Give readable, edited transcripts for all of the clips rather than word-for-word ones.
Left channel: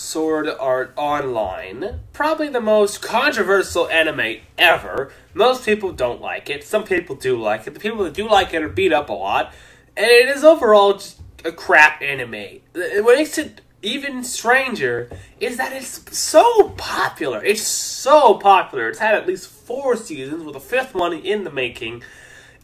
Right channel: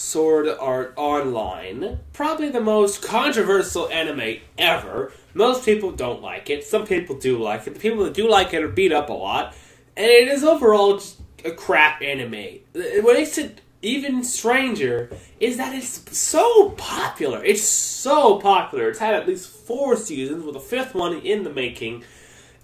Sword Art Online. Probably the most controversial anime ever. Most people don't like it. Some people do like it. The people that do like it are beat up a lot. And it is overall just a crap anime. What makes it even stranger is that it's so popular. It's so popular. It's had at least 4 seasons with a 5th one in the making.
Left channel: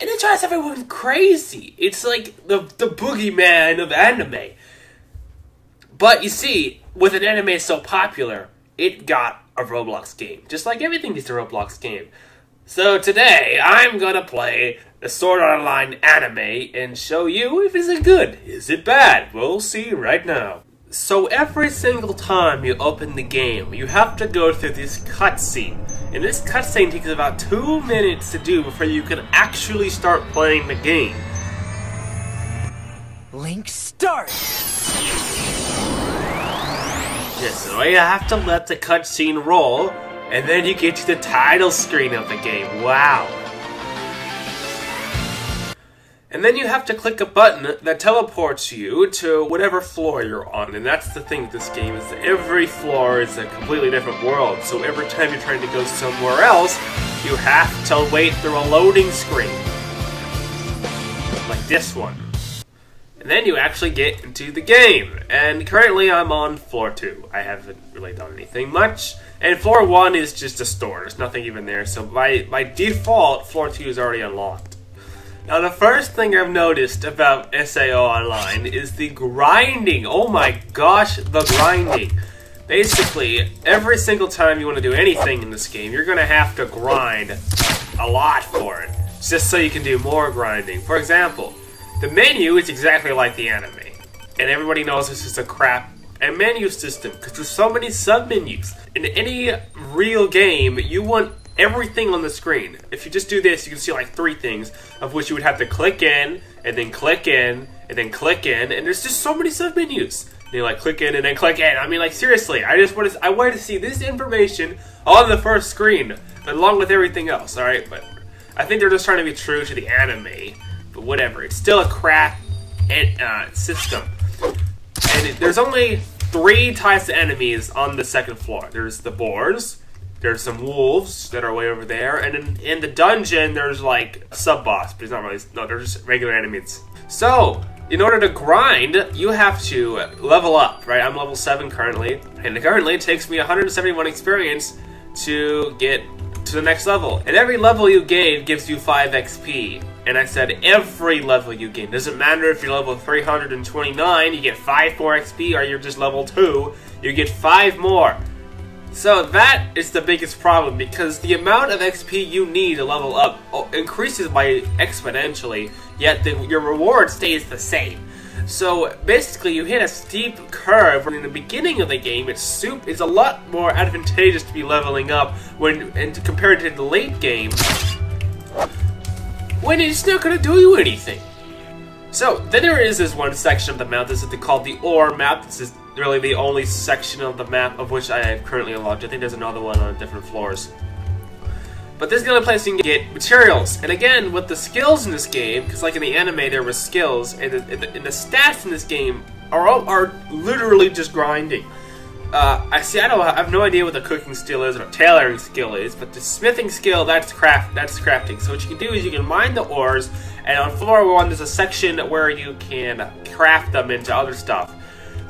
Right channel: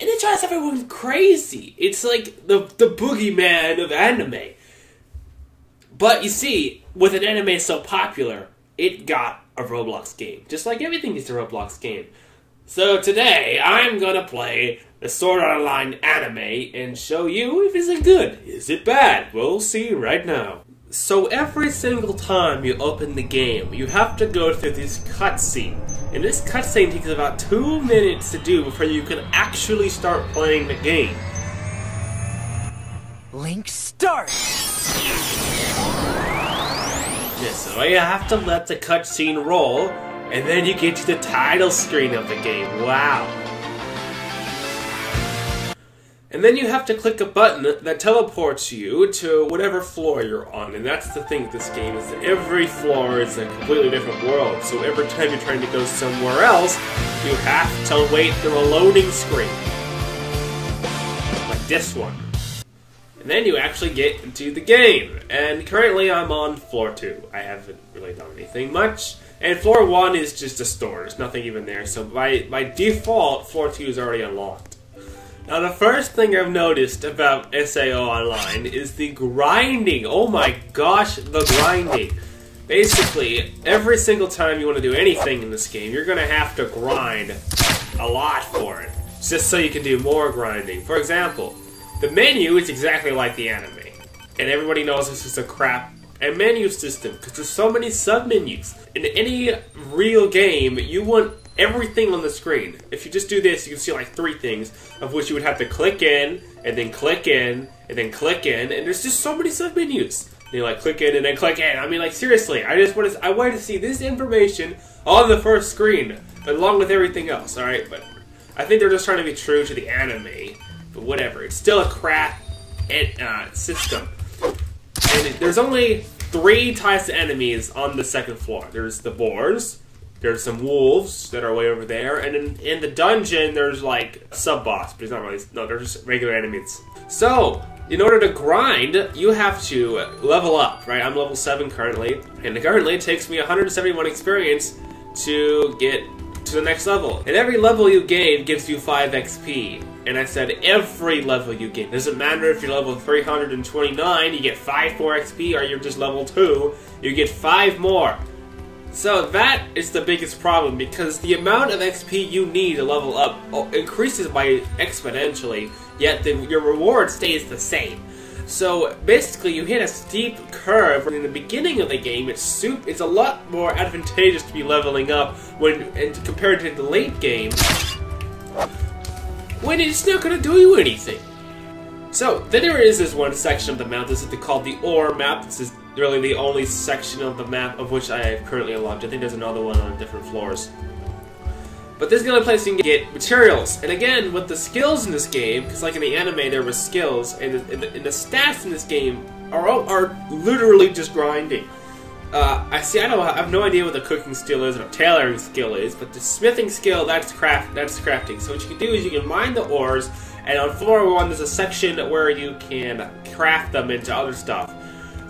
And it drives everyone crazy. It's like the boogeyman of anime. But you see, with an anime so popular, it got a Roblox game. Just like everything gets a Roblox game. So today, I'm gonna play the Sword Art Online anime and show you if it's good. Is it bad? We'll see right now. So every single time you open the game, you have to go through this cutscene. And this cutscene takes about 2 minutes to do before you can actually start playing the game. Link start! Yeah, so you have to let the cutscene roll, and then you get to the title screen of the game. Wow. And then you have to click a button that teleports you to whatever floor you're on. And that's the thing with this game, is that every floor is a completely different world. So every time you're trying to go somewhere else, you have to wait through a loading screen. Like this one. And then you actually get into the game. And currently I'm on floor 2. I haven't really done anything much. And floor 1 is just a store. There's nothing even there. So by default, floor 2 is already unlocked. Now the first thing I've noticed about SAO Online is the grinding. Oh my gosh, the grinding. Basically, every single time you want to do anything in this game, you're going to have to grind a lot for it. Just so you can do more grinding. For example, the menu is exactly like the anime. And everybody knows this is a crap menu system, because there's so many sub-menus. In any real game, you want everything on the screen. If you just do this, you can see like 3 things, of which you would have to click in, and then click in, and then click in, and there's just so many sub-menus. And you're like, click in, and then click in. I mean, like, seriously, I wanted to see this information on the first screen, along with everything else, alright? But I think they're just trying to be true to the anime. But whatever, it's still a crap system. And there's only 3 types of enemies on the 2nd floor. There's the boars, there's some wolves that are way over there, and in the dungeon there's like a sub-boss, but it's not really, no, they're just regular enemies. So, in order to grind, you have to level up, right? I'm level 7 currently, and currently it takes me 171 experience to get to the next level. And every level you gain gives you 5 XP. And I said every level you gain. Doesn't matter if you're level 329, you get 5 more XP, or you're just level 2, you get 5 more. So that is the biggest problem, because the amount of XP you need to level up increases by exponentially, yet your reward stays the same. So basically you hit a steep curve when in the beginning of the game it's a lot more advantageous to be leveling up and compared to the late game, when it's not going to do you anything. So, then there is this one section of the map. This is called the ore map. This is really the only section of the map of which I have currently unlocked. I think there's another one on different floors. But this is the only place you can get materials. And again, with the skills in this game, because like in the anime there were skills, and the stats in this game are literally just grinding. I have no idea what the cooking skill is or the tailoring skill is, but the smithing skill, that's crafting. So what you can do is you can mine the ores, and on floor 1 there's a section where you can craft them into other stuff.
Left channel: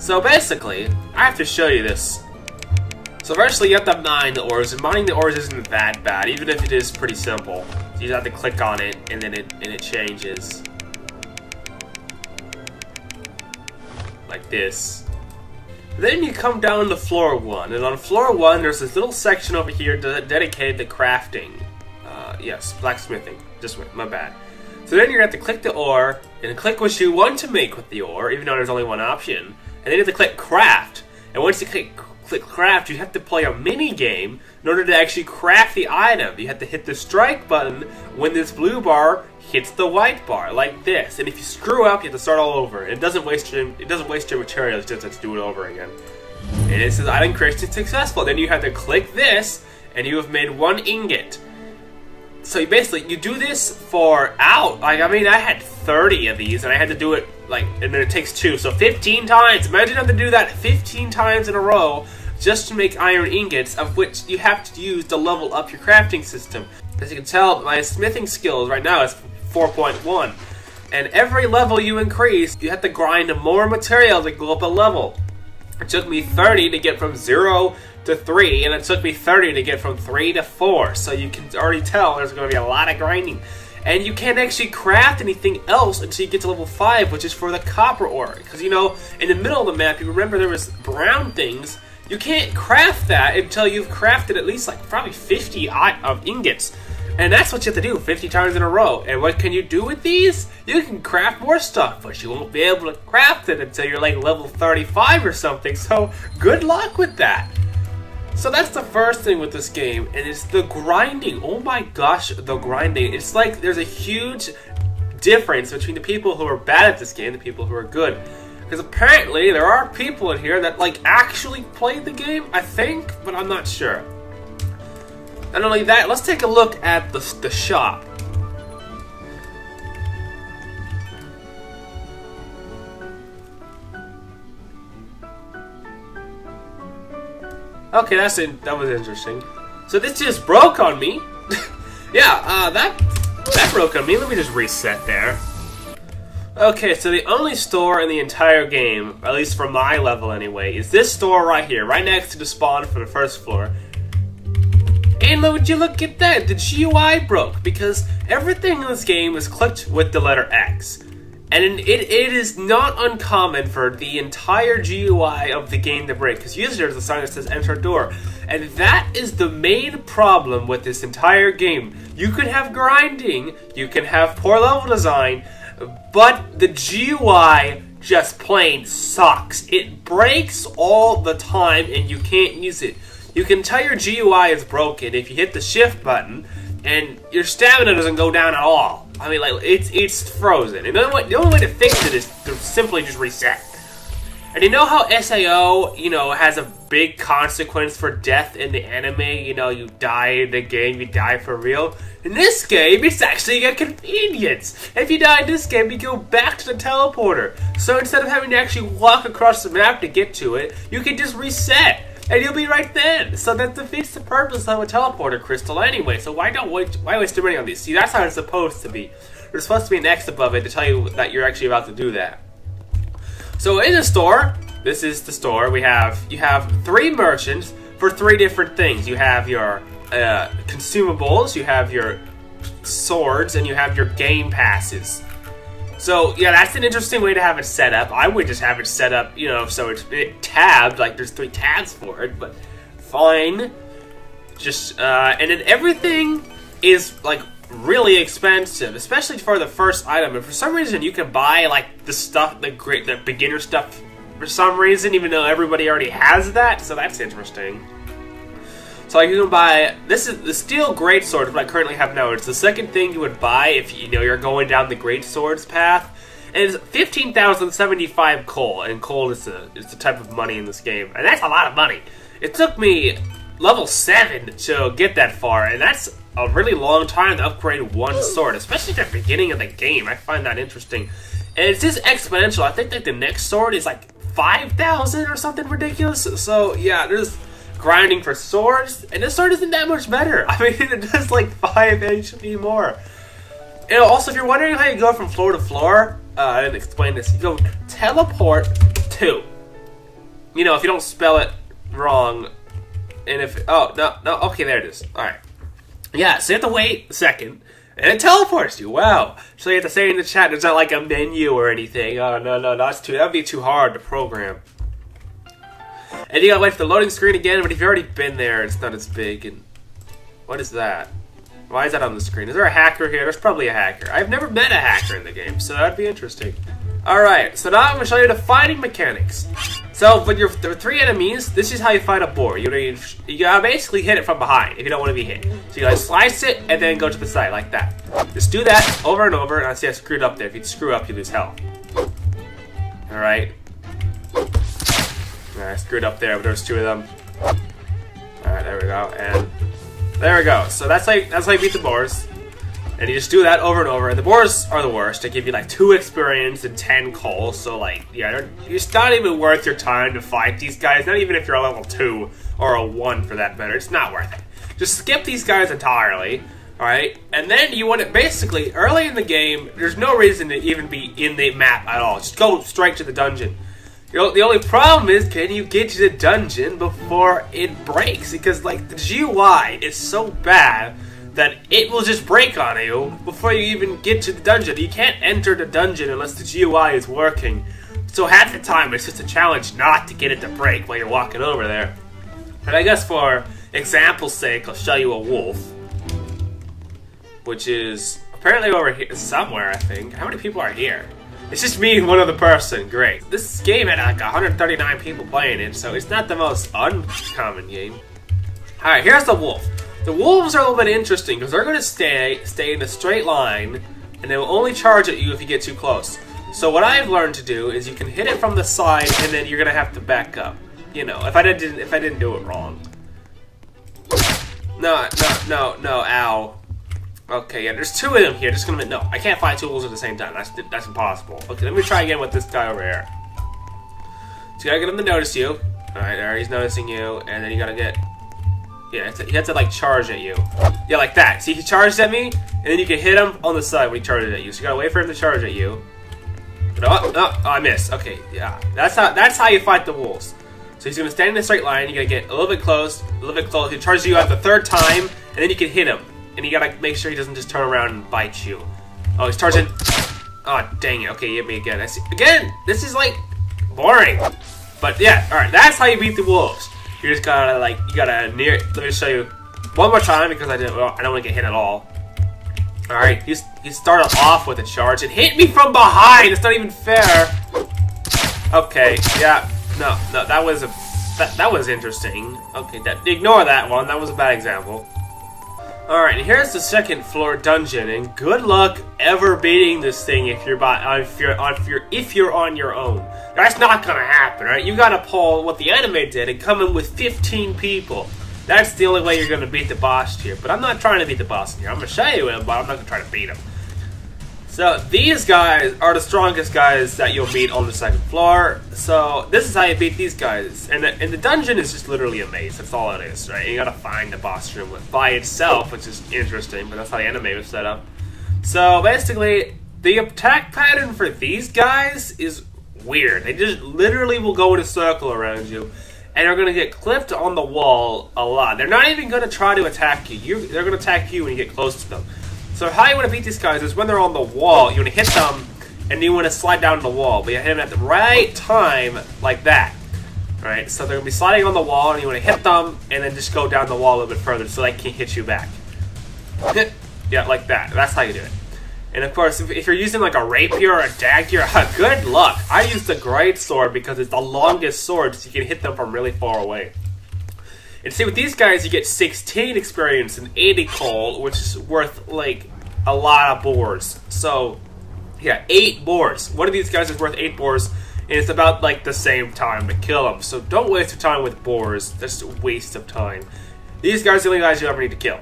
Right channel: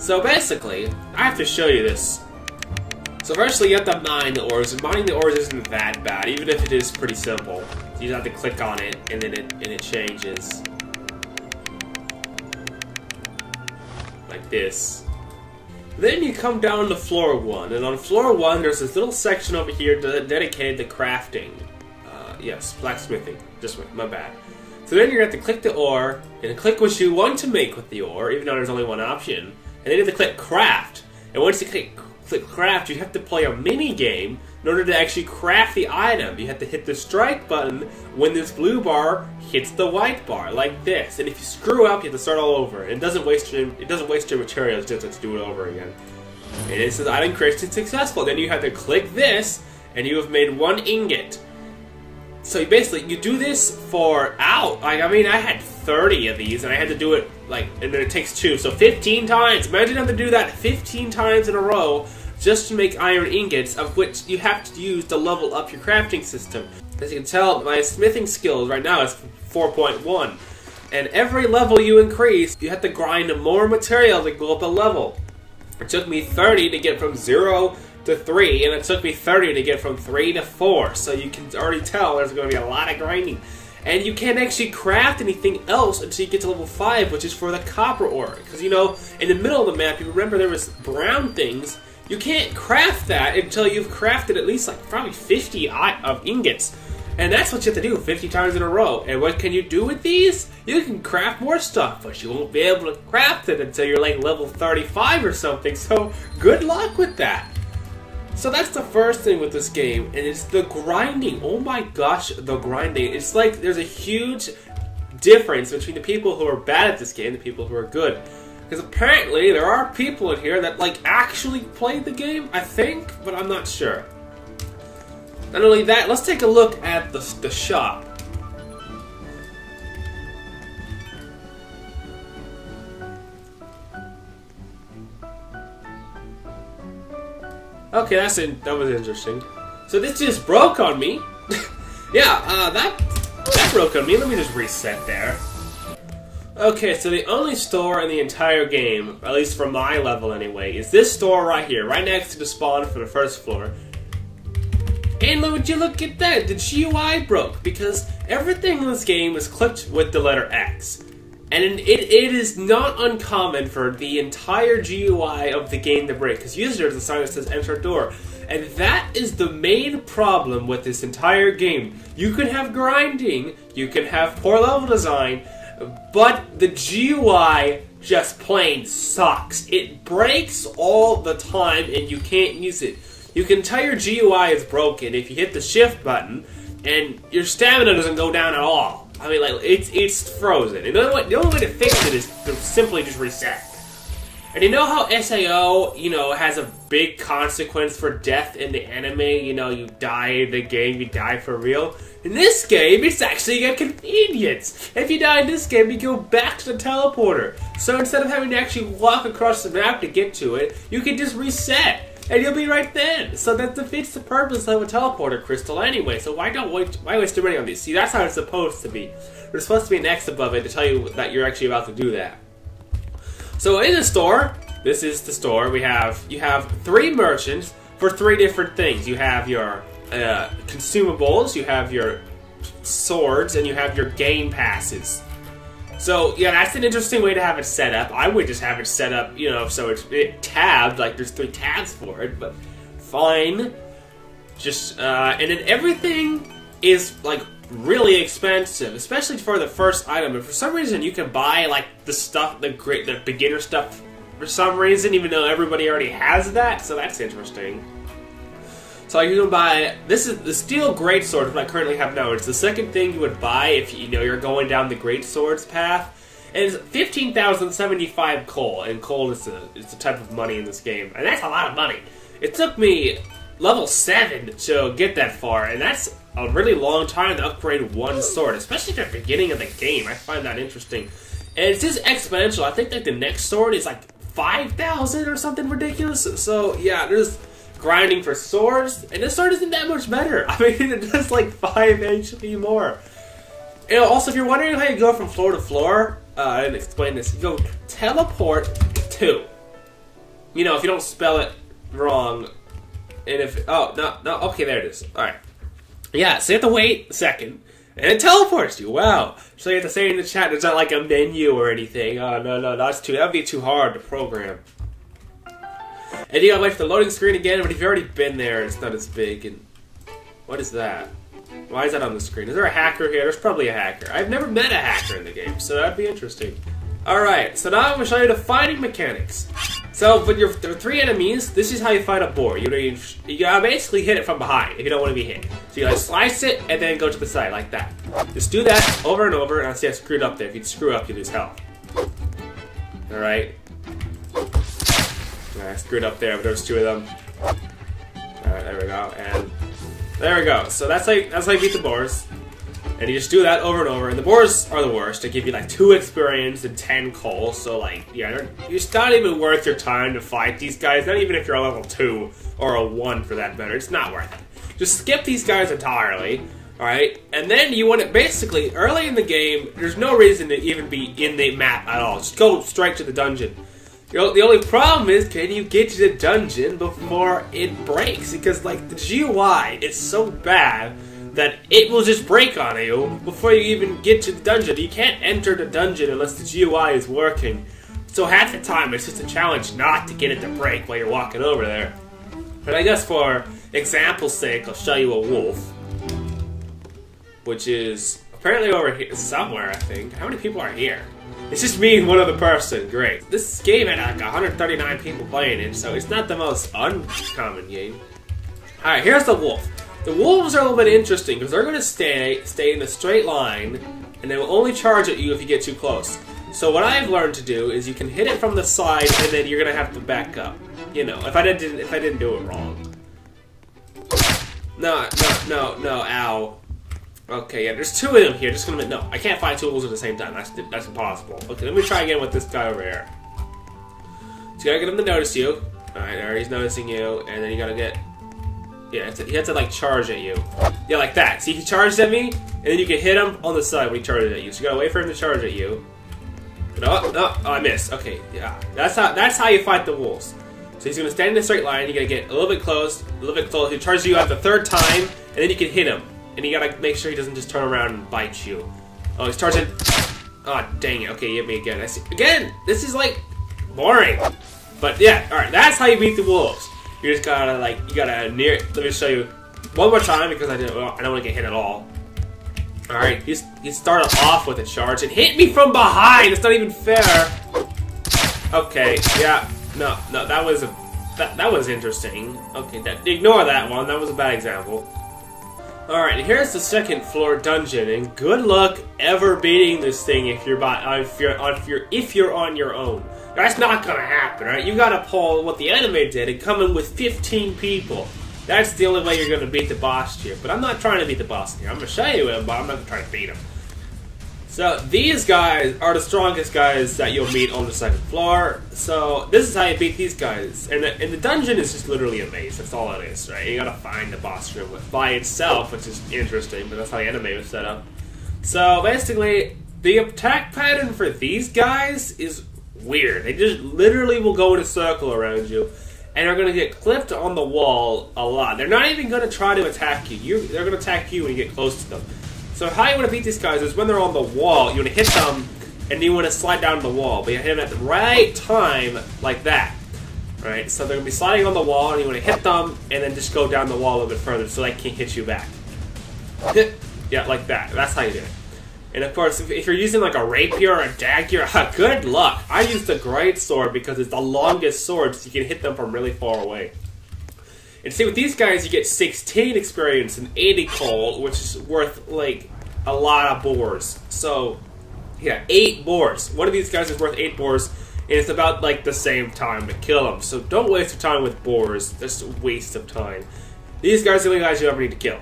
So basically, I have to show you this. So firstly, you have to mine the ores, and mining the ores isn't that bad, even if it is pretty simple. You just have to click on it, and then it changes. Like this. Then you come down to floor 1, and on floor 1 there's this little section over here dedicated to crafting. Yes, blacksmithing. Just my bad. So then you're going to have to click the ore, and click what you want to make with the ore, even though there's only one option. And then you have to click craft. And once you click craft, you have to play a mini game in order to actually craft the item. You have to hit the strike button when this blue bar hits the white bar, like this. And if you screw up, you have to start all over. And it doesn't waste your materials just to do it over again. And it says item creation successful. Then you have to click this, and you have made 1 ingot. So you basically, you do this for I had 30 of these, and I had to do it like, and then it takes 2, so 15 times. Imagine having to do that 15 times in a row just to make iron ingots, of which you have to use to level up your crafting system. As you can tell, my smithing skills right now is 4.1. And every level you increase, you have to grind more material to go up a level. It took me 30 to get from 0 to 3, and it took me 30 to get from 3 to 4. So you can already tell there's going to be a lot of grinding. And you can't actually craft anything else until you get to level 5, which is for the copper ore. Because, you know, in the middle of the map, you remember there was brown things. You can't craft that until you've crafted at least, like, probably 50 of ingots. And that's what you have to do 50 times in a row. And what can you do with these? You can craft more stuff, but you won't be able to craft it until you're like level 35 or something. So good luck with that. So that's the first thing with this game, and it's the grinding. Oh my gosh, the grinding. It's like there's a huge difference between the people who are bad at this game and the people who are good. Because apparently there are people in here that like actually played the game, I think, but I'm not sure. Not only that, let's take a look at the shop. Okay, that was interesting. So this just broke on me. Yeah, that broke on me. Let me just reset there. Okay, so the only store in the entire game, at least for my level anyway, is this store right here, right next to the spawn for the first floor. And would you look at that? The GUI broke because everything in this game is clicked with the letter X. And it is not uncommon for the entire GUI of the game to break, because usually there's a sign that says enter door. And that is the main problem with this entire game. You can have grinding, you can have poor level design, but the GUI just plain sucks. It breaks all the time and you can't use it. You can tell your GUI is broken if you hit the shift button and your stamina doesn't go down at all. I mean, like, it's frozen. And the only way to fix it is to simply just reset. And you know how SAO, you know, has a big consequence for death in the anime? You know, you die in the game, you die for real. In this game, it's actually a convenience. If you die in this game, you go back to the teleporter. So instead of having to actually walk across the map to get to it, you can just reset. And you'll be right then. So that defeats the purpose of a teleporter crystal anyway. So why waste your money on these? See, that's how it's supposed to be. There's supposed to be an X above it to tell you that you're actually about to do that. So in the store, this is the store. You have 3 merchants for 3 different things. You have your consumables, you have your swords, and you have your game passes. So, yeah, that's an interesting way to have it set up. I would just have it set up, you know, so it's tabbed, like there's 3 tabs for it, but fine. Just, and then everything is, like, really expensive, especially for the first item. And for some reason, you can buy, like, the stuff, the beginner stuff for some reason, even though everybody already has that, so that's interesting. So you can buy, this is the steel greatsword, what I currently have now. It's the second thing you would buy if you know you're going down the greatswords path. And it's 15,075 coal, and coal is the type of money in this game. And that's a lot of money. It took me level 7 to get that far, and that's a really long time to upgrade one sword, especially at the beginning of the game. I find that interesting. And it's just exponential. I think that the next sword is like 5,000 or something ridiculous. So yeah, there's grinding for swords, and this sword isn't that much better. I mean, it does like 5 HP more. And also, if you're wondering how you go from floor to floor, I didn't explain this. You go teleport to. You know, if you don't spell it wrong, and if okay, there it is. All right, yeah. So you have to wait a second, and it teleports you. Wow. So you have to say in the chat, there's not like a menu or anything. Oh no, that'd be too hard to program. And you gotta wait for the loading screen again, but if you've already been there, it's not as big. And what is that? Why is that on the screen? Is there a hacker here? There's probably a hacker. I've never met a hacker in the game, so that'd be interesting. Alright, so now I'm gonna show you the fighting mechanics. So, with your 3 enemies, this is how you fight a boar. You gotta basically hit it from behind if you don't want to be hit. So you gotta slice it and then go to the side, like that. Just do that over and over, and I see I screwed up there. If you screw up, you lose health. Alright. I screwed up there, but there's 2 of them. Alright, there we go, and there we go. So that's how you beat the boars. And you just do that over and over, and the boars are the worst. They give you like 2 experience and 10 coal, so like, yeah, it's not even worth your time to fight these guys, not even if you're a level 2 or a 1 for that matter. It's not worth it. Just skip these guys entirely, alright? And then you want to, basically, early in the game, there's no reason to even be in the map at all. Just go straight to the dungeon. You know, the only problem is, can you get to the dungeon before it breaks? Because, like, the GUI is so bad that it will just break on you before you even get to the dungeon. You can't enter the dungeon unless the GUI is working. So half the time, it's just a challenge not to get it to break while you're walking over there. And I guess for example's sake, I'll show you a wolf. Which is apparently over here somewhere, I think. How many people are here? It's just me and one other person. Great. This game had like 139 people playing it, so it's not the most uncommon game. Alright, here's the wolf. The wolves are a little bit interesting because they're going to stay in a straight line, and they will only charge at you if you get too close. So what I've learned to do is you can hit it from the side, and then you're going to have to back up. You know, if I didn't do it wrong. No, ow. Okay, yeah, there's 2 of them here. Just gonna no, I can't find 2 wolves at the same time. That's impossible. Okay, let me try again with this guy over here. So you gotta get him to notice you. Alright, there, he's noticing you, and then you gotta get. Yeah, he has to like charge at you. Yeah, like that. See, he charged at me, and then you can hit him on the side when he charges at you. So you gotta wait for him to charge at you. Oh, I missed. Okay, yeah, that's how you fight the wolves. So he's gonna stand in a straight line. You gotta get a little bit close, He charges you out the 3rd time, and then you can hit him. And you gotta make sure he doesn't just turn around and bite you. Oh, he's charging. Oh, dang it. Okay, hit me again. I see. Again, this is like boring. But yeah, alright, that's how you beat the wolves. You just gotta like, let me show you one more time because I don't want to get hit at all. Alright, he started off with a charge and hit me from behind. It's not even fair. Okay, yeah, no, that was interesting. Okay, ignore that one. That was a bad example. Alright, and here's the 2nd floor dungeon, and good luck ever beating this thing if you're on your own. That's not gonna happen, right? You gotta pull what the anime did and come in with 15 people. That's the only way you're gonna beat the boss here. But I'm not trying to beat the boss here. I'm gonna show you him, but I'm not gonna try to beat him. So these guys are the strongest guys that you'll meet on the 2nd floor. So this is how you beat these guys. And the dungeon is just literally a maze. That's all it is, right? You gotta find the boss room by itself, which is interesting, but that's how the anime was set up. So basically, the attack pattern for these guys is weird. They just literally will go in a circle around you, and are gonna get clipped on the wall a lot. They're not even gonna try to attack you. They're gonna attack you when you get close to them. So how you want to beat these guys is when they're on the wall, you want to hit them, and you want to slide down the wall. But you hit them at the right time, like that. Right? So they're going to be sliding on the wall, and you want to hit them, and then just go down the wall a little bit further so they can't hit you back. Yeah, like that. That's how you do it. And of course, if you're using like a rapier or a dagger, good luck. I use the great sword because it's the longest sword, so you can hit them from really far away. And see, with these guys, you get 16 experience and 80 coal, which is worth, like, a lot of boars. So, yeah, 8 boars. One of these guys is worth 8 boars, and it's about, like, the same time to kill them. So don't waste your time with boars. That's a waste of time. These guys are the only guys you ever need to kill.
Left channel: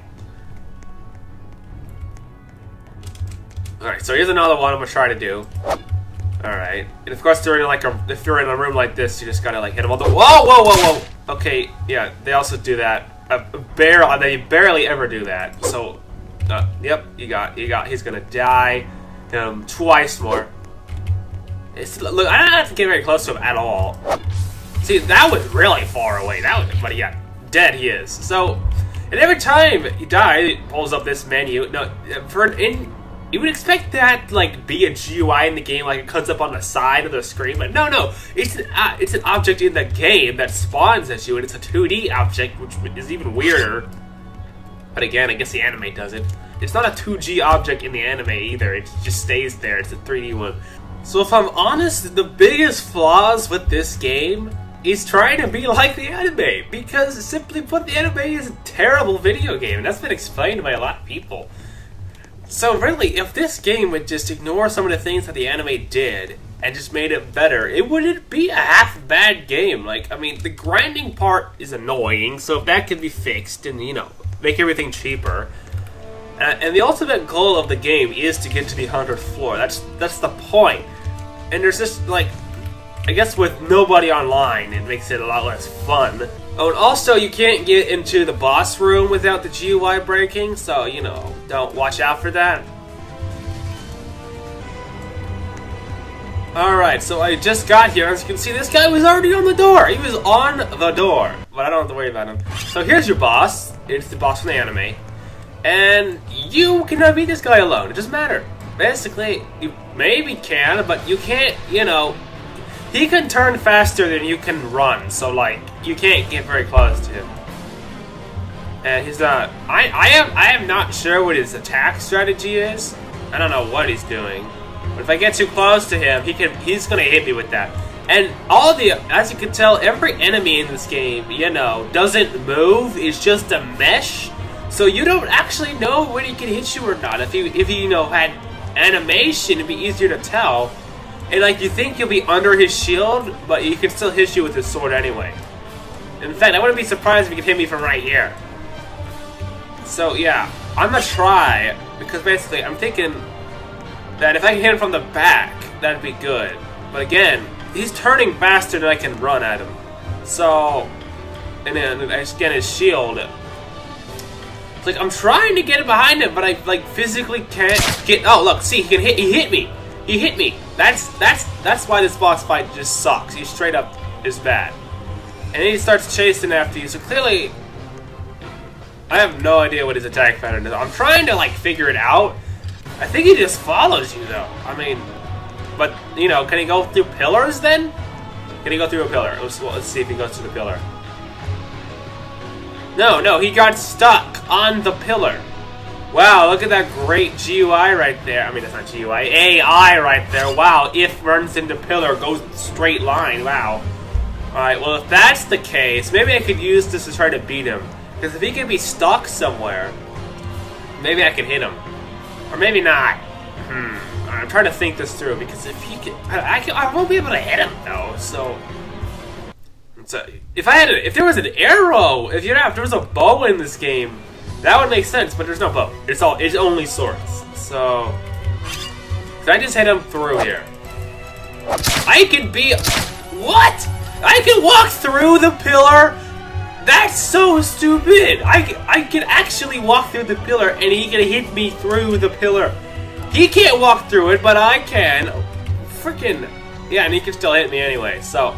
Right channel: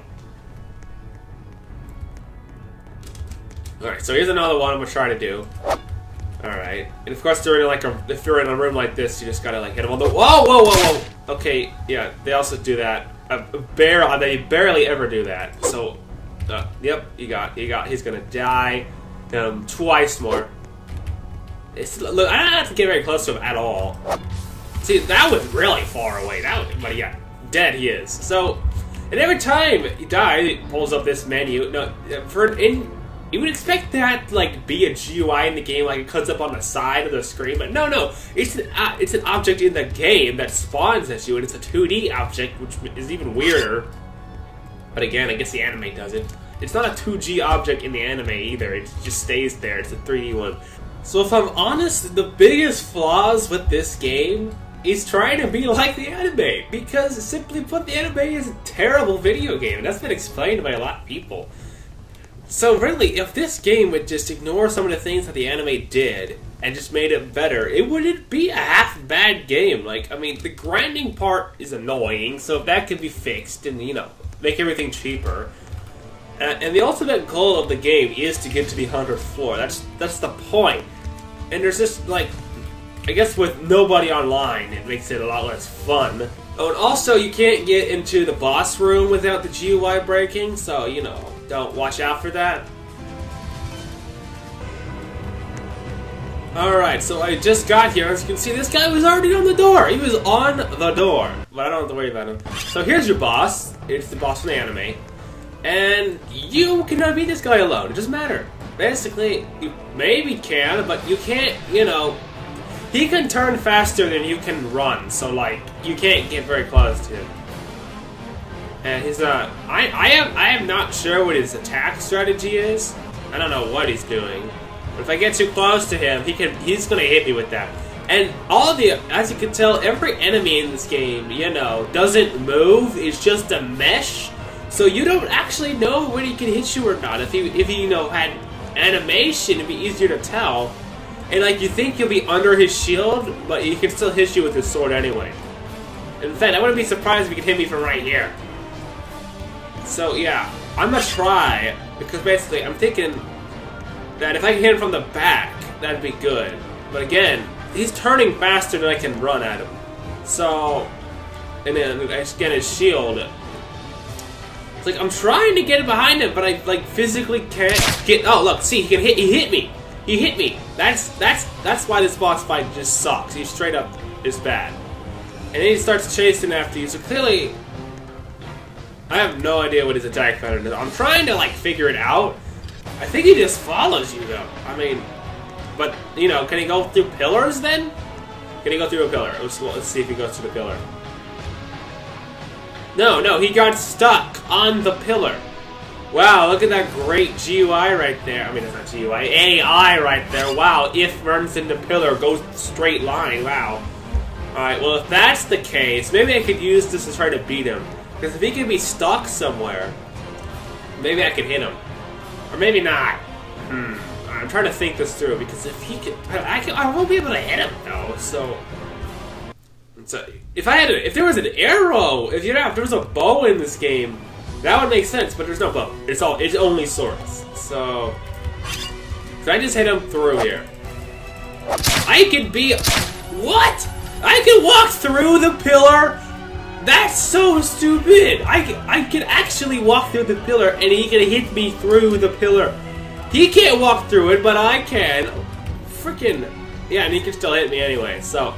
Alright, so here's another one I'm going to try to do. Alright. And of course, during, like, if you're in a room like this, you just gotta, like, hit them on the... Whoa! Okay, yeah, they also do that. They barely ever do that. So, yep, he's gonna die. Twice more. Look, I don't have to get very close to him at all. See, that was really far away. But yeah, dead he is. So, and every time he dies, it pulls up this menu. No, you would expect that to, like, be a GUI in the game, like it comes up on the side of the screen, but no, it's an object in the game that spawns at you, and it's a 2D object, which is even weirder. But again, I guess the anime does it. It's not a 2G object in the anime either, it just stays there, it's a 3D one. So if I'm honest, the biggest flaws with this game is trying to be like the anime, because simply put, the anime is a terrible video game, and that's been explained by a lot of people. So really, if this game would just ignore some of the things that the anime did and just made it better, it wouldn't be a half-bad game. Like, I mean, the grinding part is annoying, so if that could be fixed and, you know, make everything cheaper. And the ultimate goal of the game is to get to the 100th floor. That's the point. And there's just, like, I guess with nobody online, it makes it a lot less fun. Oh, and also you can't get into the boss room without the GUI breaking, so, you know, don't watch out for that. Alright, so I just got here. As you can see, this guy was already on the door. He was on the door. But I don't have to worry about him. So here's your boss. It's the boss from the anime. And you cannot beat this guy alone. It doesn't matter. Basically, you maybe can, but you can't, you know... He can turn faster than you can run. So, like, you can't get very close to him. And he's I am not sure what his attack strategy is. I don't know what he's doing. But if I get too close to him, he's gonna hit me with that. And as you can tell, every enemy in this game, you know, doesn't move. It's just a mesh. So you don't actually know when he can hit you or not. If he you know, had animation, it'd be easier to tell. And like, you think you'll be under his shield, but he can still hit you with his sword anyway. In fact, I wouldn't be surprised if he could hit me from right here. So yeah, I'm gonna try, because basically I'm thinking that if I can hit him from the back, that'd be good. But again, he's turning faster than I can run at him. So, and then I just get his shield. It's like, I'm trying to get behind him, but I, like, physically can't get... Oh, look, see, he hit me. He hit me. That's why this boss fight just sucks. He straight up is bad. And then he starts chasing after you, so clearly... I have no idea what his attack pattern is. I'm trying to, like, figure it out. I think he just follows you, though. I mean, but, you know, can he go through pillars, then? Can he go through a pillar? Let's see if he goes through the pillar. No, he got stuck on the pillar. Wow, look at that great GUI right there. I mean, it's not GUI. AI right there. Wow, if runs into pillar, goes straight line. Wow. Alright, well, if that's the case, maybe I could use this to try to beat him. Because if he can be stuck somewhere, maybe I can hit him. Or maybe not. I'm trying to think this through, because if he can... I won't be able to hit him, though, so... if there was an arrow, if there was a bow in this game, that would make sense, but there's no bow. It's only swords. So I just hit him through here. I could be... What? I can walk through the pillar? That's so stupid! I can actually walk through the pillar, and he can hit me through the pillar. He can't walk through it, but I can. Freaking... Yeah, and he can still hit me anyway, so...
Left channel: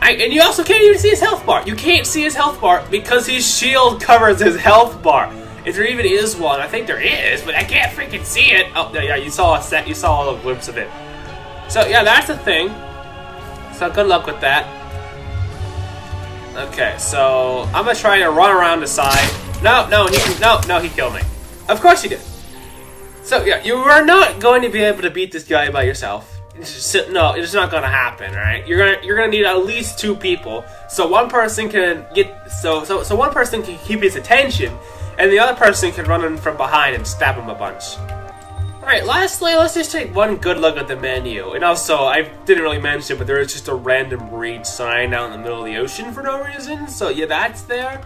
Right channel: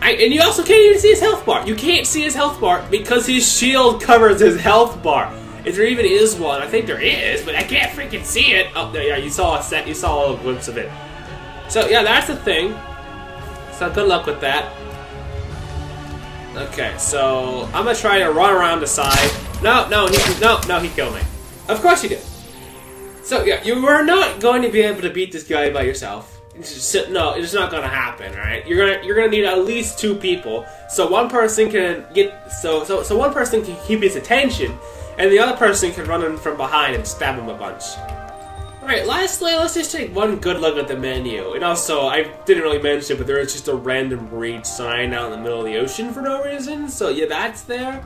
And you also can't even see his health bar. You can't see his health bar because his shield covers his health bar. If there even is one, I think there is, but I can't freaking see it. Oh, yeah, you saw a glimpse of it. So yeah, that's the thing. So good luck with that. Okay, so I'm gonna try to run around the side. No, he killed me. Of course he did. So yeah, you are not going to be able to beat this guy by yourself. No, it's not gonna happen, right? You're gonna need at least 2 people. So one person can get so one person can keep his attention, and the other person can run in from behind and stab him a bunch. Alright, lastly, let's just take one good look at the menu. And also, I didn't really mention, but there is just a random read sign out in the middle of the ocean for no reason. So yeah, that's there.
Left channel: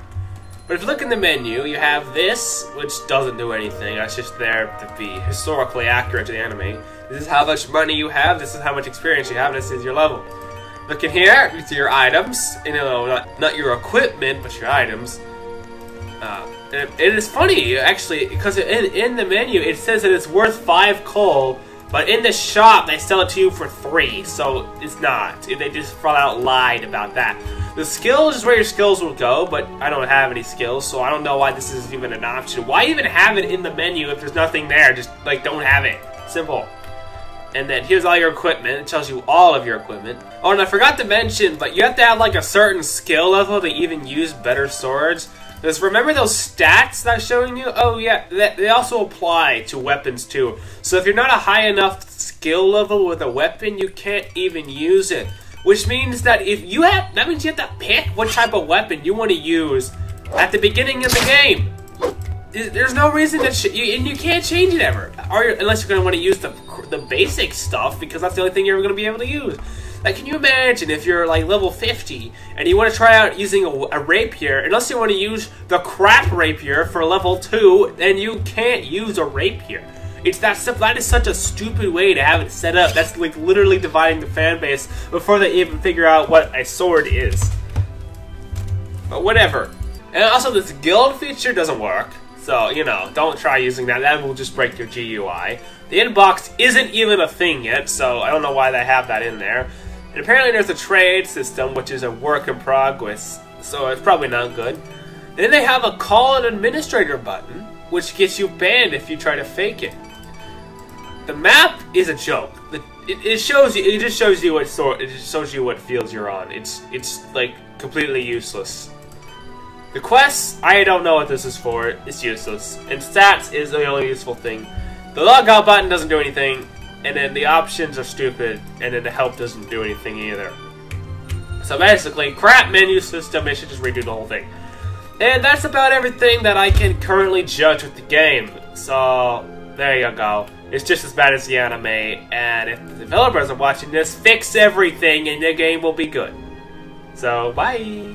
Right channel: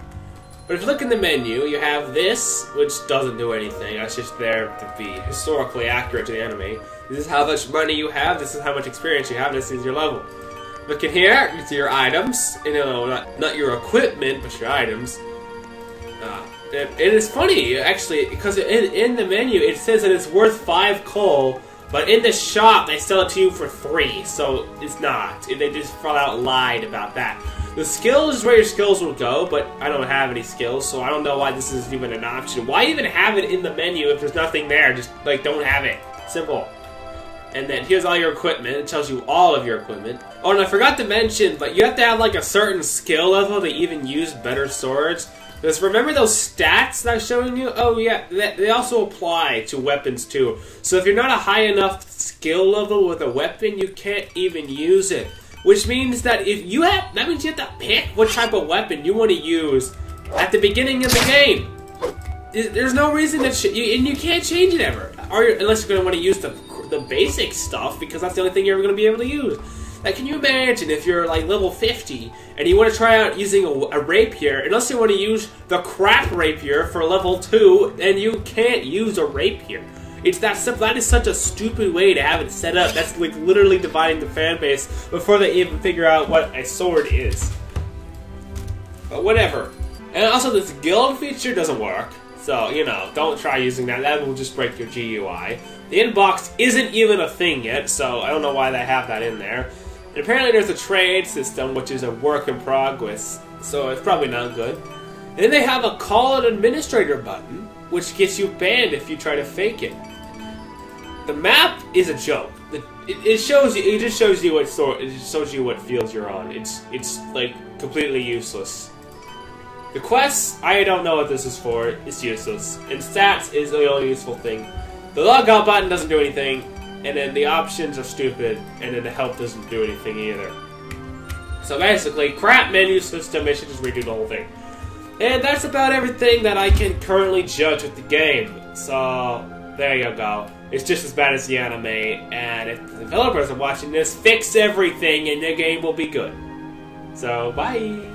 But if you look in the menu, you have this, which doesn't do anything. That's just there to be historically accurate to the anime. This is how much money you have, this is how much experience you have, this is your level. Look in here, it's your items. You know, not your equipment, but your items. It is funny, actually, because in the menu, it says that it's worth 5 coal, but in the shop, they sell it to you for 3, so it's not. They just flat out lied about that. The skills is where your skills will go, but I don't have any skills, so I don't know why this is even an option. Why even have it in the menu if there's nothing there? Just, like, don't have it. Simple. And then here's all your equipment. It tells you all of your equipment. Oh, and I forgot to mention, but you have to have, like, a certain skill level to even use better swords. Because remember those stats that I'm showing you? Oh, yeah, they also apply to weapons, too. So if you're not a high enough skill level with a weapon, you can't even use it. Which means that that means you have to pick what type of weapon you want to use at the beginning of the game. There's no reason that and you can't change it ever, unless you're going to want to use the basic stuff, because that's the only thing you're ever going to be able to use. Like, can you imagine if you're like level 50 and you want to try out using a rapier, unless you want to use the crap rapier for level 2, then you can't use a rapier. It's that simple. That is such a stupid way to have it set up. That's like literally dividing the fan base before they even figure out what a sword is. But whatever. And also this guild feature doesn't work. So, you know, don't try using that. That will just break your GUI. The inbox isn't even a thing yet, so I don't know why they have that in there. And apparently there's a trade system, which is a work in progress, so it's probably not good. And then they have a call an administrator button, which gets you banned if you try to fake it. The map is a joke. It shows you. It just shows you what sort. It just shows you what fields you're on. It's like completely useless. The quests, I don't know what this is for. It's useless. And stats is the only useful thing. The logout button doesn't do anything, and then the options are stupid, and then the help doesn't do anything either. So basically, crap menu system. They should just redo the whole thing. And that's about everything that I can currently judge with the game. So there you go. It's just as bad as the anime, and if the developers are watching this, fix everything and the game will be good. So, bye!